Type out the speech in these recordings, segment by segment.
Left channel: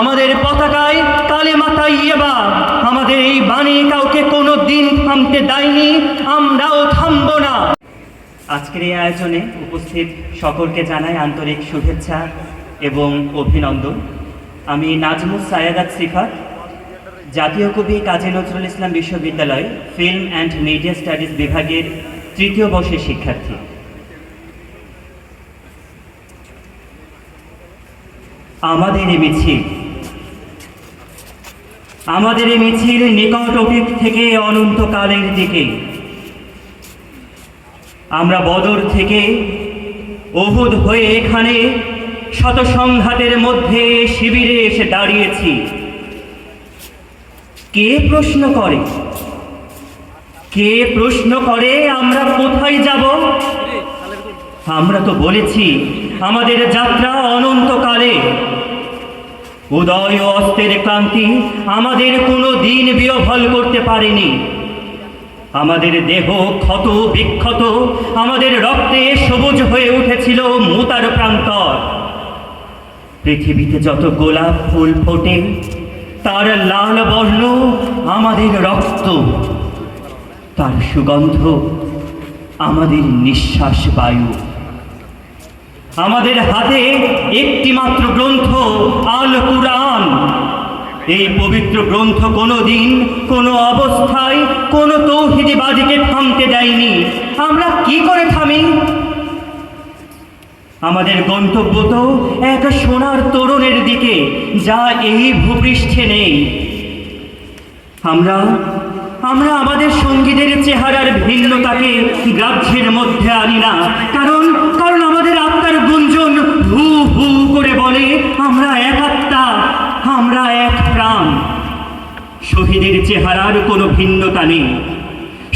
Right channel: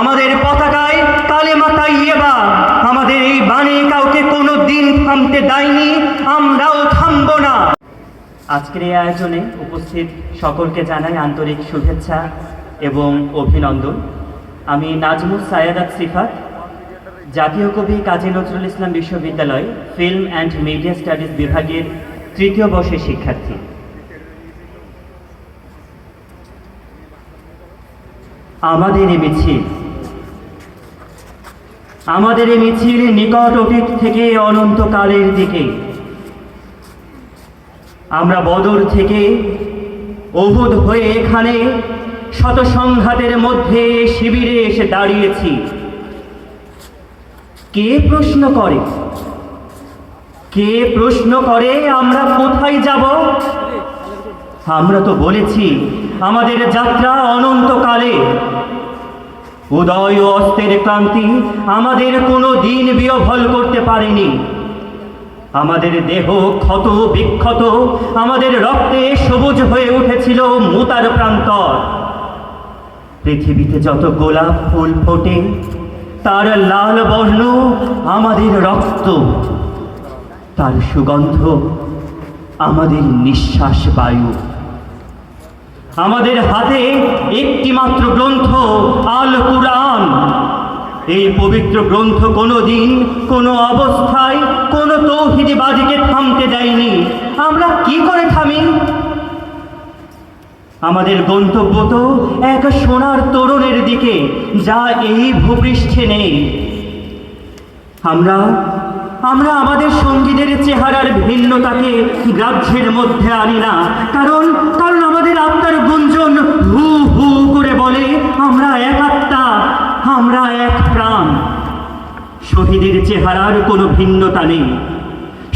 আমাদের পতাকায় কালেমা তাইয়্যিবা, আমাদের এই বাণী কাউকে কোনো দিন থামতে দেয়নি, আমরাও থামব না। আজকের এই আয়োজনে উপস্থিত সকলকে জানাই আন্তরিক শুভেচ্ছা এবং অভিনন্দন। আমি নাজমুস সায়াদাত সিফাত, জাতীয় কবি কাজী নজরুল ইসলাম বিশ্ববিদ্যালয় ফিল্ম অ্যান্ড মিডিয়া স্টাডিজ বিভাগের ৩য় বর্ষের শিক্ষার্থী। আমাদের এই মিছিল নিকট অতীত থেকে অনন্তকালের দিকে। আমরা বদর থেকে উহুদ হয়ে এখানে শত সংঘাতের মধ্যে শিবিরে এসে দাঁড়িয়েছি। কে প্রশ্ন করে আমরা কোথায় যাব? আমরা তো বলেছি আমাদের যাত্রা অনন্তকালে। উদয় ও অস্তের ক্রান্তি আমাদের কোনো দিন বিহ্বল করতে পারেনি। আমাদের দেহ ক্ষত বিক্ষত, আমাদের রক্তে সবুজ হয়ে উঠেছিল মুতার প্রান্তর। পৃথিবীতে যত গোলাপ ফুল ফোটে তার লাল বর্ণ আমাদের রক্ত, তার সুগন্ধ আমাদের নিঃশ্বাস বায়ু। আমাদের হাতে একটি মাত্র গ্রন্থ, আল কুরআন। এই পবিত্র গ্রন্থ কোনো দিন কোনো অবস্থায় কোনো তৌহিদিবাদীকে থামতে দেয়নি। আমরা কি করে থামি? আমাদের গন্তব্য তো এক সোনার তোরণের দিকে, যা এই ভূপৃষ্ঠে নেই। আমরা আমাদের সঙ্গীদের চেহারার ভিন্নতাকে গ্রাহ্যের মধ্যে আনি না, কারণ আমাদের আত্মার গুঞ্জন হু হু করে বলে আমরা এক আত্মা, আমরা এক প্রাণ। শহীদের চেহারার কোনো ভিন্নতা নেই,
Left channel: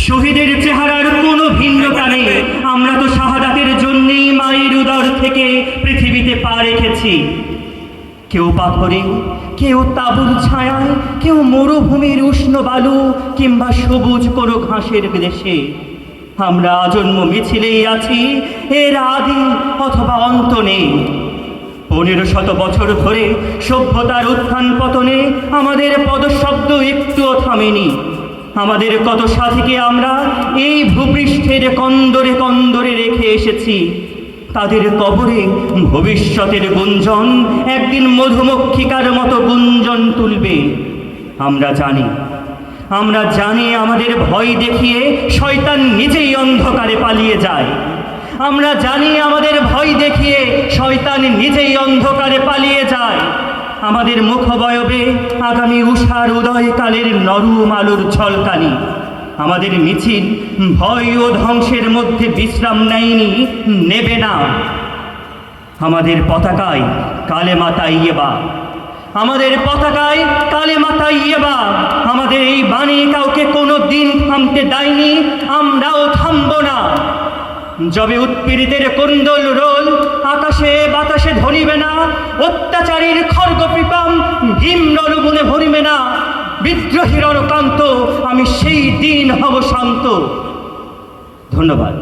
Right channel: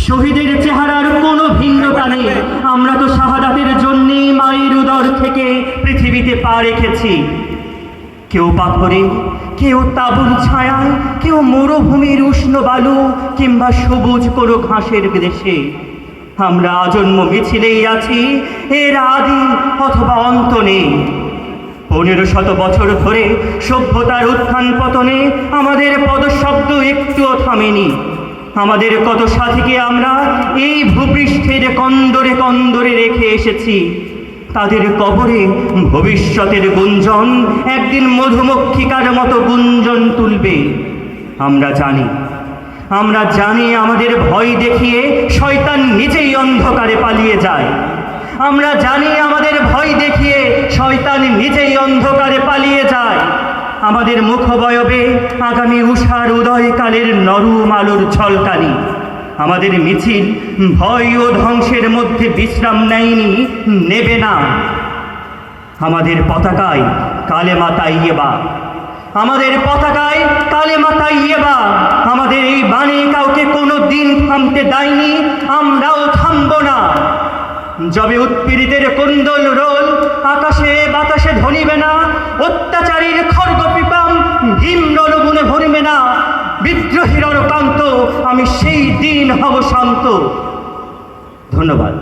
শহীদের চেহারার কোনো ভিন্নতা নেই। আমরা তো শাহাদাতের জন্যেই মায়ের উদর থেকে পৃথিবীতে পা রেখেছি। কেউ পাথরে, কেউ তাঁবুর ছায়ায়, কেউ মরুভূমির উষ্ণ বালু কিংবা সবুজ কোনো ঘাসের দেশে। আমরা আজন্ম মিছিলেই আছি, এর আদি অথবা অন্ত নেই। 1500 বছর ধরে সভ্যতার উত্থান পতনে আমাদের পদশব্দ একটুও থামেনি। আমাদের কত সাথীকে আমরা এই ভূপৃষ্ঠের কন্দরে কন্দরে রেখে এসেছি। তাদের কবরে ভবিষ্যতের গুঞ্জন একদিন মধুমক্ষিকার মতো গুঞ্জন তুলবে। আমরা জানি আমাদের ভয় দেখিয়ে শয়তান নিজেই অন্ধকারে পালিয়ে যায়। আমরা জানি আমাদের ভয় দেখিয়ে শয়তান নিজেই অন্ধকারে পালিয়ে যায়। আমাদের মুখবয়বে আগামী উষার উদয়কালের নরম আলোর ঝলকানি। আমাদের মিছিল ভয় ও ধ্বংসের মধ্যে বিশ্রাম নেয়নি, নেবে না। আমাদের পতাকায় কালেমা তাইয়্যিবা, আমাদের পতাকায় কালেমা তাইয়্যিবা। আমাদের এই বাণী কাউকে কোনো দিন থামতে দেয়নি, আমরাও থামব না। যবে উৎপীড়িতের কুণ্ডল রোল আকাশে বাতাসে ধরিবে না, অত্যাচারীর খর্গ পিপাম ভীম নরগুণে ভরিবে না, বিদ্রোহীর কান্ত আমি সেই দিন হব শান্ত। ধন্যবাদ।